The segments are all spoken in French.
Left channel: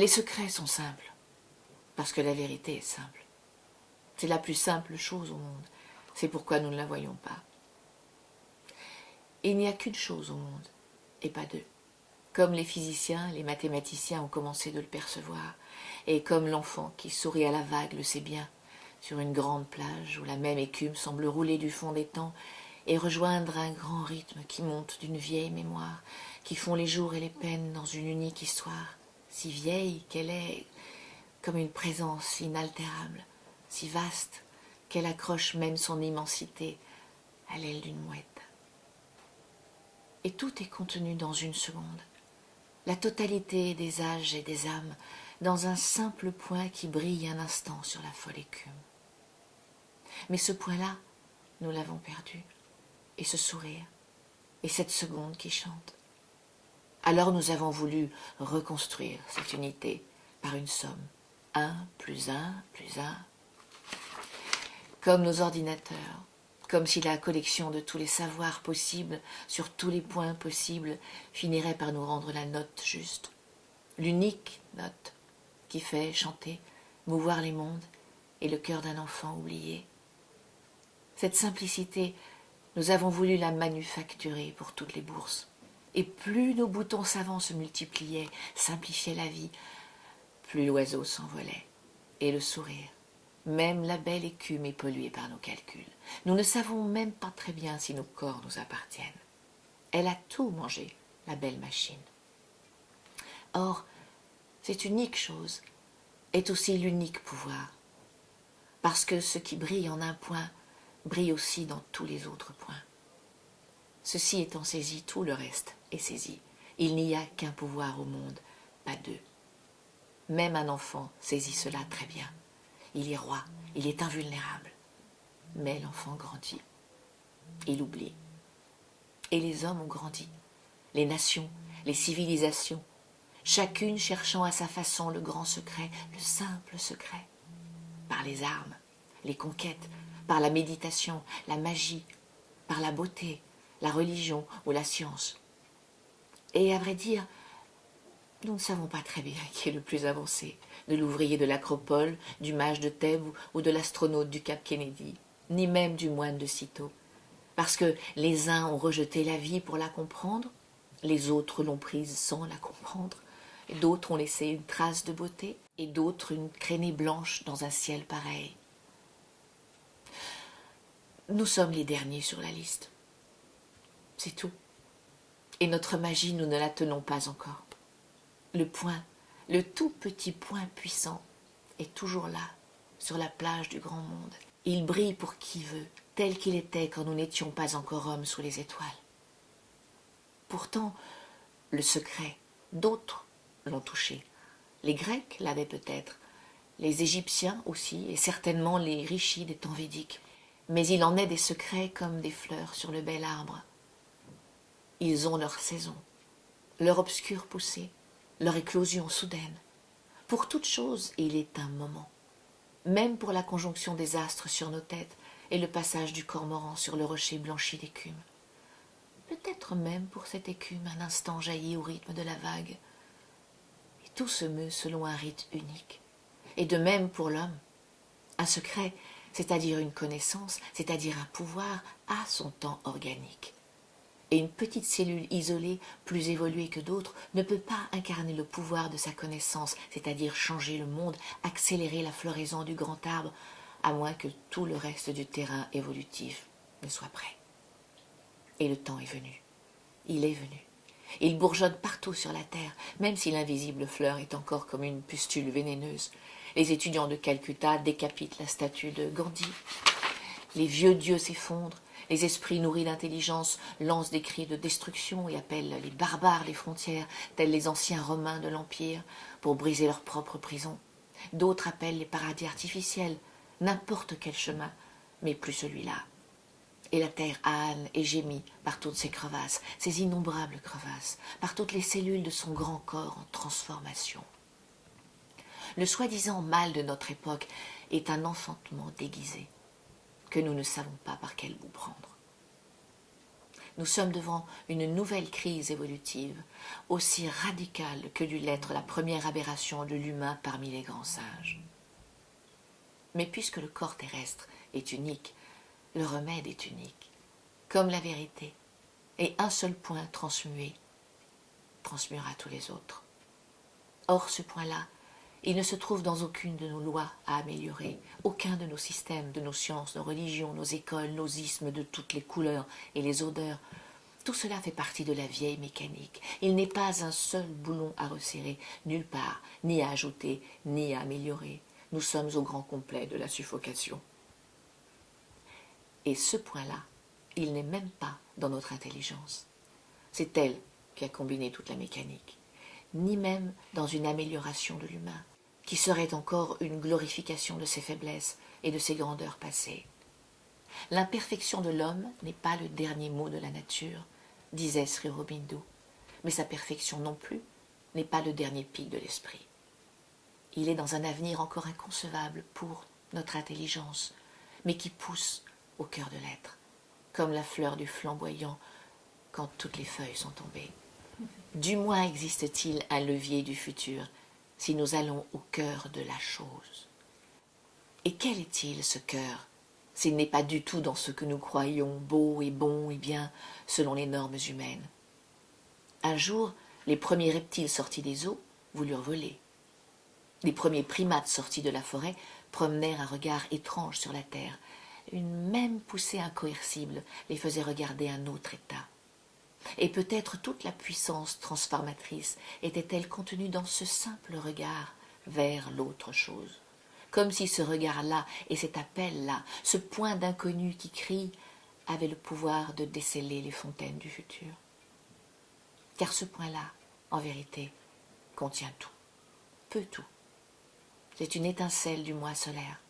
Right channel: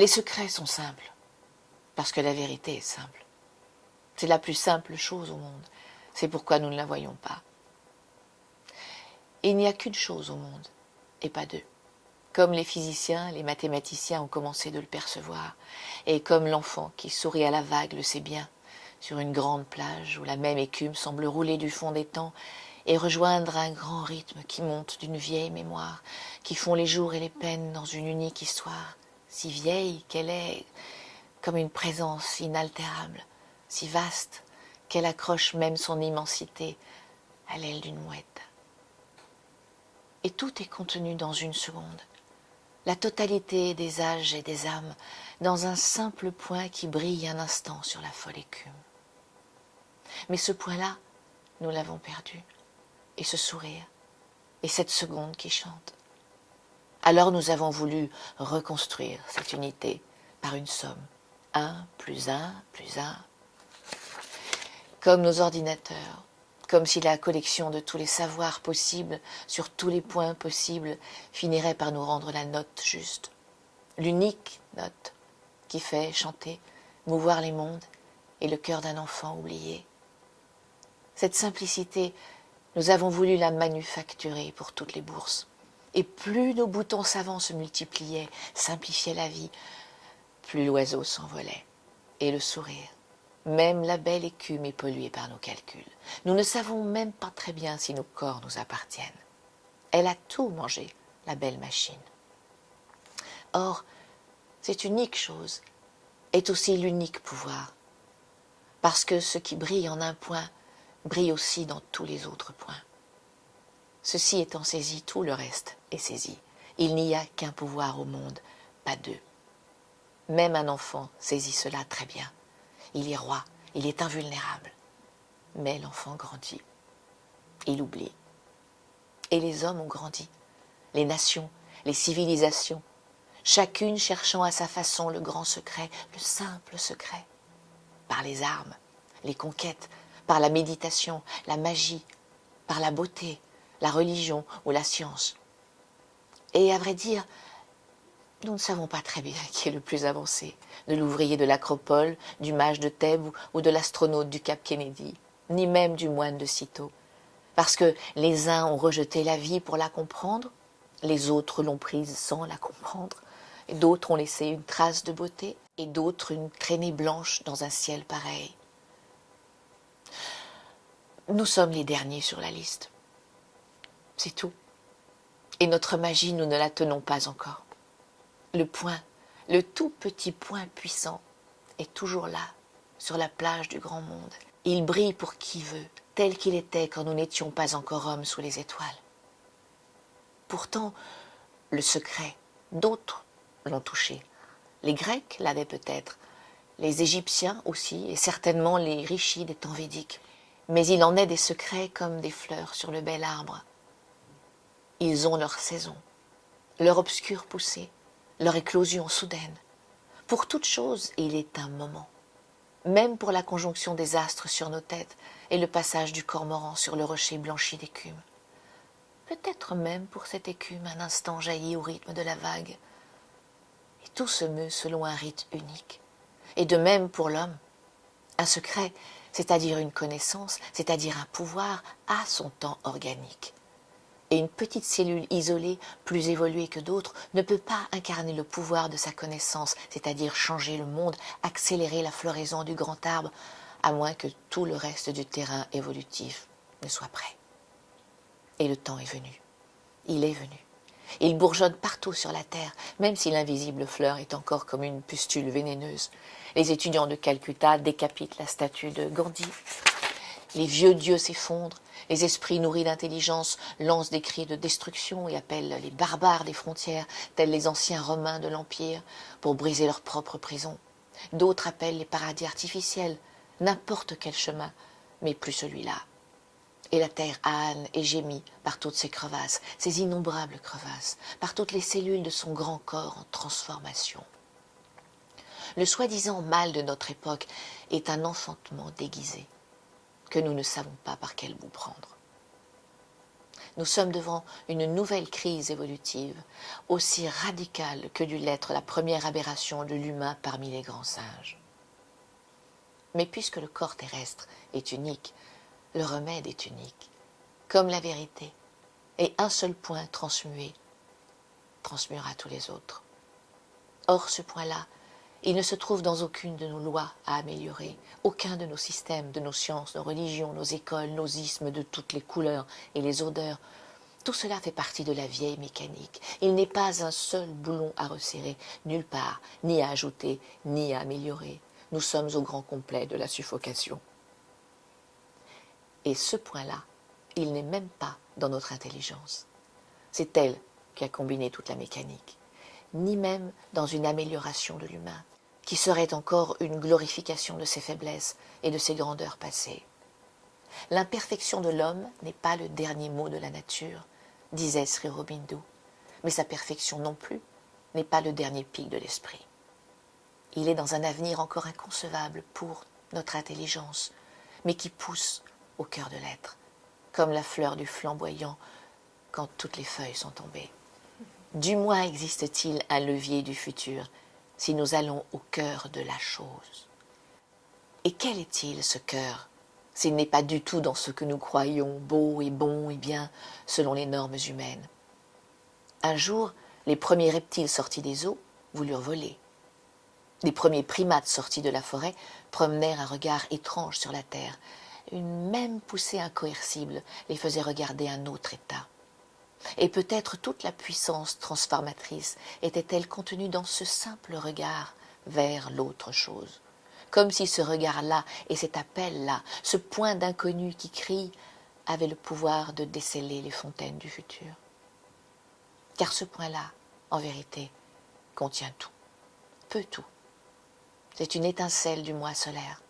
Les secrets sont simples, parce que la vérité est simple. C'est la plus simple chose au monde. C'est pourquoi nous ne la voyons pas. Il n'y a qu'une chose au monde, et pas deux. Comme les physiciens, les mathématiciens ont commencé de le percevoir, et comme l'enfant qui sourit à la vague le sait bien, sur une grande plage où la même écume semble rouler du fond des temps et rejoindre un grand rythme qui monte d'une vieille mémoire, qui font les jours et les peines dans une unique histoire, si vieille qu'elle est comme une présence inaltérable, si vaste qu'elle accroche même son immensité à l'aile d'une mouette. Et tout est contenu dans une seconde, la totalité des âges et des âmes, dans un simple point qui brille un instant sur la folle écume. Mais ce point-là, nous l'avons perdu, et ce sourire, et cette seconde qui chante. Alors nous avons voulu reconstruire cette unité par une somme. 1 plus 1 plus 1. Comme nos ordinateurs, comme si la collection de tous les savoirs possibles, sur tous les points possibles, finirait par nous rendre la note juste. L'unique note qui fait chanter, mouvoir les mondes et le cœur d'un enfant oublié. Cette simplicité, nous avons voulu la manufacturer pour toutes les bourses. Et plus nos boutons savants se multipliaient, simplifiaient la vie, plus l'oiseau s'envolait. Et le sourire, même la belle écume est polluée par nos calculs. Nous ne savons même pas très bien si nos corps nous appartiennent. Elle a tout mangé, la belle machine. Or, cette unique chose est aussi l'unique pouvoir, parce que ce qui brille en un point brille aussi dans tous les autres points. Ceci étant saisi, tout le reste est saisi. Il n'y a qu'un pouvoir au monde, pas deux. Même un enfant saisit cela très bien. Il est roi, il est invulnérable. Mais l'enfant grandit. Il oublie. Et les hommes ont grandi. Les nations, les civilisations, chacune cherchant à sa façon le grand secret, le simple secret. Par les armes, les conquêtes, par la méditation, la magie, par la beauté, la religion ou la science. Et à vrai dire, nous ne savons pas très bien qui est le plus avancé, de l'ouvrier de l'Acropole, du mage de Thèbes ou de l'astronaute du Cap Kennedy, ni même du moine de Cîteaux. Parce que les uns ont rejeté la vie pour la comprendre, les autres l'ont prise sans la comprendre, et d'autres ont laissé une trace de beauté, et d'autres une traînée blanche dans un ciel pareil. Nous sommes les derniers sur la liste. C'est tout. Et notre magie, nous ne la tenons pas encore. Le point, le tout petit point puissant, est toujours là, sur la plage du grand monde. Il brille pour qui veut, tel qu'il était quand nous n'étions pas encore hommes sous les étoiles. Pourtant, le secret, d'autres l'ont touché. Les Grecs l'avaient peut-être, les Égyptiens aussi, et certainement les rishis des temps védiques. Mais il en est des secrets comme des fleurs sur le bel arbre. Ils ont leur saison, leur obscure poussée, leur éclosion soudaine. Pour toute chose, il est un moment. Même pour la conjonction des astres sur nos têtes et le passage du cormoran sur le rocher blanchi d'écume. Peut-être même pour cette écume un instant jaillit au rythme de la vague. Et tout se meut selon un rite unique. Et de même pour l'homme. Un secret, c'est-à-dire une connaissance, c'est-à-dire un pouvoir, a son temps organique. Et une petite cellule isolée, plus évoluée que d'autres, ne peut pas incarner le pouvoir de sa connaissance, c'est-à-dire changer le monde, accélérer la floraison du grand arbre, à moins que tout le reste du terrain évolutif ne soit prêt. Et le temps est venu. Il est venu. Il bourgeonne partout sur la terre, même si l'invisible fleur est encore comme une pustule vénéneuse. Les étudiants de Calcutta décapitent la statue de Gandhi. Les vieux dieux s'effondrent. Les esprits nourris d'intelligence lancent des cris de destruction et appellent les barbares des frontières, tels les anciens Romains de l'Empire, pour briser leur propre prison. D'autres appellent les paradis artificiels, n'importe quel chemin, mais plus celui-là. Et la terre âne et gémit par toutes ces crevasses, ces innombrables crevasses, par toutes les cellules de son grand corps en transformation. Le soi-disant mal de notre époque est un enfantement déguisé, que nous ne savons pas par quel bout prendre. Nous sommes devant une nouvelle crise évolutive, aussi radicale que dut l'être la première aberration de l'humain parmi les grands singes. Mais puisque le corps terrestre est unique, le remède est unique, comme la vérité, et un seul point transmué transmuera tous les autres. Or, ce point-là, il ne se trouve dans aucune de nos lois à améliorer, aucun de nos systèmes, de nos sciences, nos religions, nos écoles, nos ismes de toutes les couleurs et les odeurs. Tout cela fait partie de la vieille mécanique. Il n'est pas un seul boulon à resserrer, nulle part, ni à ajouter, ni à améliorer. Nous sommes au grand complet de la suffocation. Et ce point-là, il n'est même pas dans notre intelligence. C'est elle qui a combiné toute la mécanique, ni même dans une amélioration de l'humain, qui serait encore une glorification de ses faiblesses et de ses grandeurs passées. L'imperfection de l'homme n'est pas le dernier mot de la nature, disait Sri Aurobindo, mais sa perfection non plus n'est pas le dernier pic de l'esprit. Il est dans un avenir encore inconcevable pour notre intelligence, mais qui pousse au cœur de l'être, comme la fleur du flamboyant quand toutes les feuilles sont tombées. Du moins existe-t-il un levier du futur si nous allons au cœur de la chose. Et quel est-il, ce cœur, s'il n'est pas du tout dans ce que nous croyons beau et bon et bien selon les normes humaines? Un jour, les premiers reptiles sortis des eaux voulurent voler. Les premiers primates sortis de la forêt promenèrent un regard étrange sur la terre. Une même poussée incoercible les faisait regarder un autre état. Et peut-être toute la puissance transformatrice était-elle contenue dans ce simple regard vers l'autre chose, comme si ce regard-là et cet appel-là, ce point d'inconnu qui crie, avaient le pouvoir de déceler les fontaines du futur. Car ce point-là, en vérité, contient tout, peut tout. C'est une étincelle du moi solaire,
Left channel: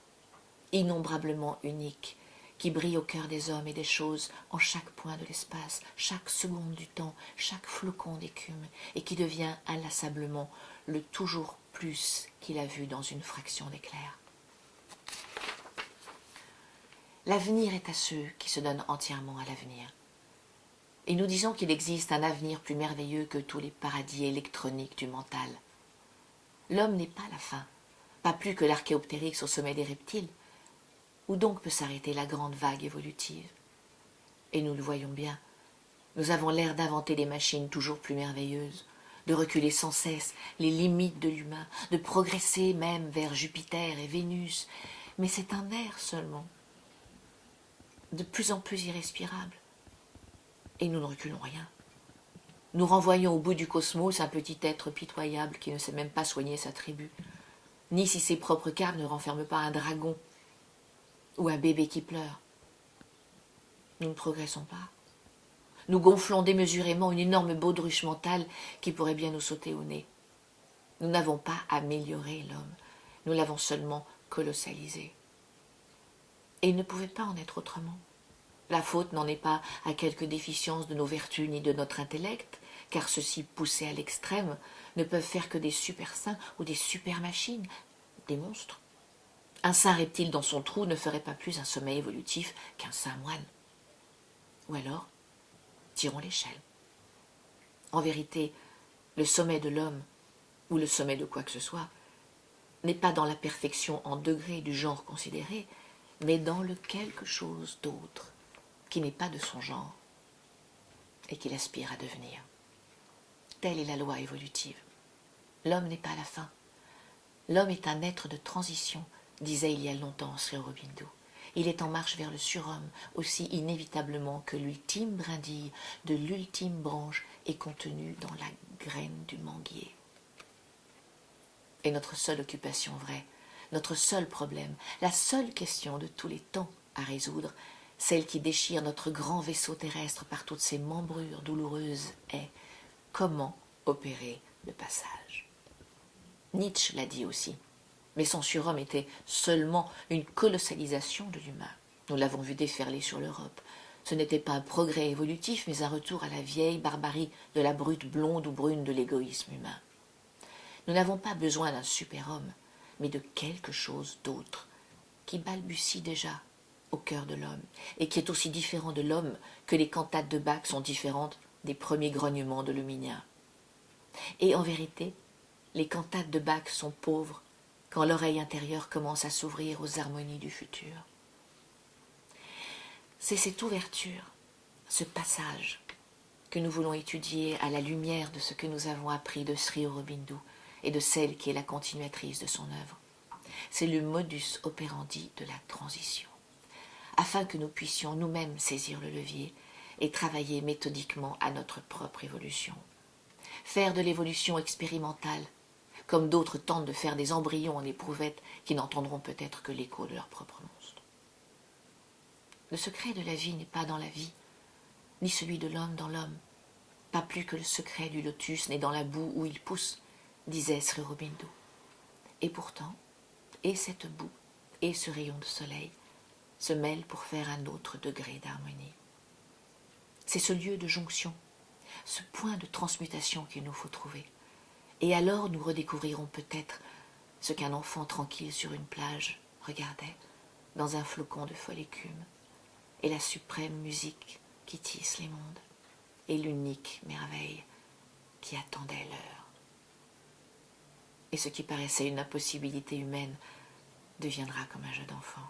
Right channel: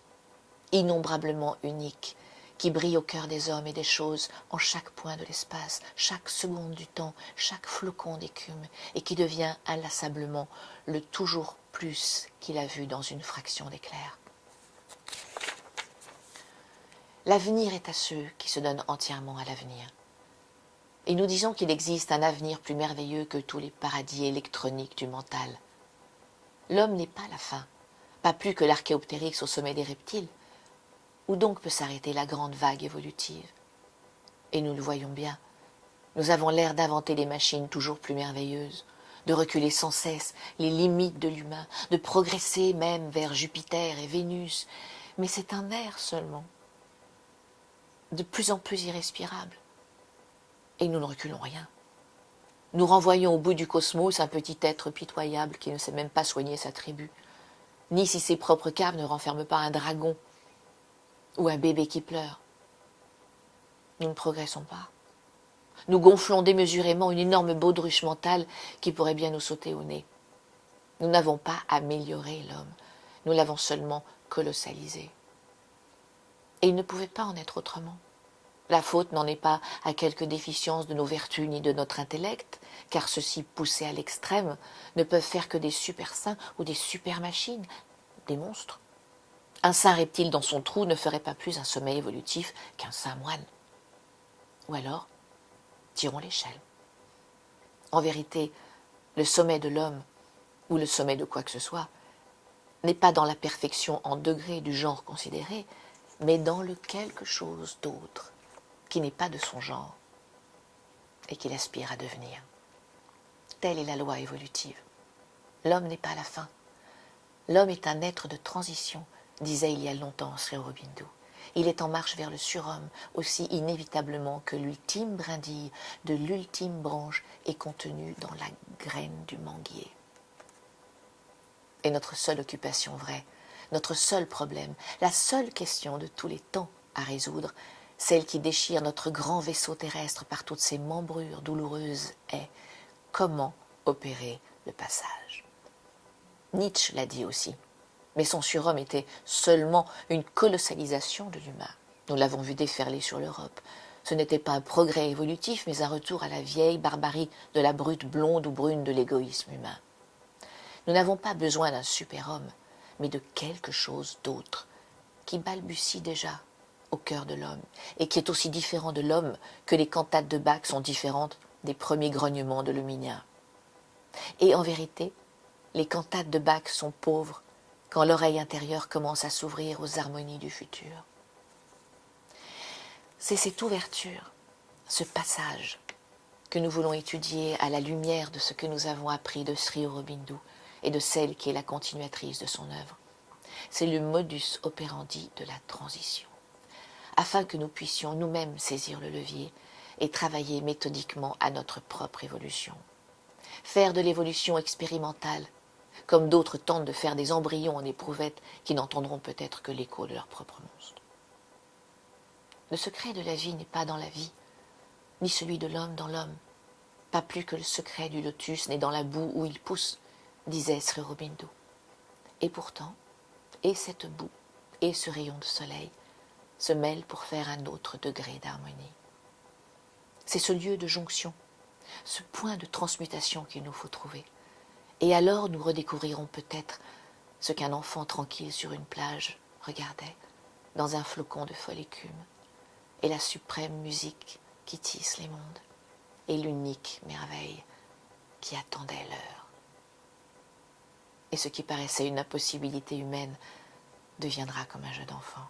innombrablement unique, qui brille au cœur des hommes et des choses en chaque point de l'espace, chaque seconde du temps, chaque flocon d'écume, et qui devient inlassablement le toujours plus qu'il a vu dans une fraction d'éclair. L'avenir est à ceux qui se donnent entièrement à l'avenir. Et nous disons qu'il existe un avenir plus merveilleux que tous les paradis électroniques du mental. L'homme n'est pas la fin, pas plus que l'archéoptérix au sommet des reptiles. Où donc peut s'arrêter la grande vague évolutive? Et nous le voyons bien, nous avons l'air d'inventer des machines toujours plus merveilleuses, de reculer sans cesse les limites de l'humain, de progresser même vers Jupiter et Vénus, mais c'est un air seulement, de plus en plus irrespirable. Et nous ne reculons rien. Nous renvoyons au bout du cosmos un petit être pitoyable qui ne sait même pas soigner sa tribu, ni si ses propres caves ne renferment pas un dragon ou un bébé qui pleure. Nous ne progressons pas. Nous gonflons démesurément une énorme baudruche mentale qui pourrait bien nous sauter au nez. Nous n'avons pas amélioré l'homme, nous l'avons seulement colossalisé. Et il ne pouvait pas en être autrement. La faute n'en est pas à quelque déficience de nos vertus ni de notre intellect, car ceux-ci, poussés à l'extrême, ne peuvent faire que des super-saints ou des super-machines, des monstres. Un saint reptile dans son trou ne ferait pas plus un sommet évolutif qu'un saint moine. Ou alors, tirons l'échelle. En vérité, le sommet de l'homme, ou le sommet de quoi que ce soit, n'est pas dans la perfection en degré du genre considéré, mais dans le quelque chose d'autre, qui n'est pas de son genre, et qu'il aspire à devenir. Telle est la loi évolutive. L'homme n'est pas la fin. L'homme est un être de transition, disait il y a longtemps Sri Aurobindo. Il est en marche vers le surhomme, aussi inévitablement que l'ultime brindille de l'ultime branche est contenue dans la graine du manguier. Et notre seule occupation vraie, notre seul problème, la seule question de tous les temps à résoudre, celle qui déchire notre grand vaisseau terrestre par toutes ses membrures douloureuses, est comment opérer le passage. Nietzsche l'a dit aussi. Mais son surhomme était seulement une colossalisation de l'humain. Nous l'avons vu déferler sur l'Europe. Ce n'était pas un progrès évolutif, mais un retour à la vieille barbarie de la brute blonde ou brune de l'égoïsme humain. Nous n'avons pas besoin d'un super-homme, mais de quelque chose d'autre, qui balbutie déjà au cœur de l'homme, et qui est aussi différent de l'homme que les cantates de Bach sont différentes des premiers grognements de Luminia. Et en vérité, les cantates de Bach sont pauvres quand l'oreille intérieure commence à s'ouvrir aux harmonies du futur. C'est cette ouverture, ce passage, que nous voulons étudier à la lumière de ce que nous avons appris de Sri Aurobindo et de celle qui est la continuatrice de son œuvre. C'est le modus operandi de la transition, afin que nous puissions nous-mêmes saisir le levier et travailler méthodiquement à notre propre évolution. Faire de l'évolution expérimentale, comme d'autres tentent de faire des embryons en éprouvettes qui n'entendront peut-être que l'écho de leur propre monstre. Le secret de la vie n'est pas dans la vie, ni celui de l'homme dans l'homme, pas plus que le secret du lotus n'est dans la boue où il pousse, disait Sri Aurobindo. Et pourtant, et cette boue, et ce rayon de soleil se mêlent pour faire un autre degré d'harmonie. C'est ce lieu de jonction, ce point de transmutation qu'il nous faut trouver. Et alors nous redécouvrirons peut-être ce qu'un enfant tranquille sur une plage regardait dans un flocon de folle écume, et la suprême musique qui tisse les mondes, et l'unique merveille qui attendait l'heure. Et ce qui paraissait une impossibilité humaine deviendra comme un jeu d'enfant.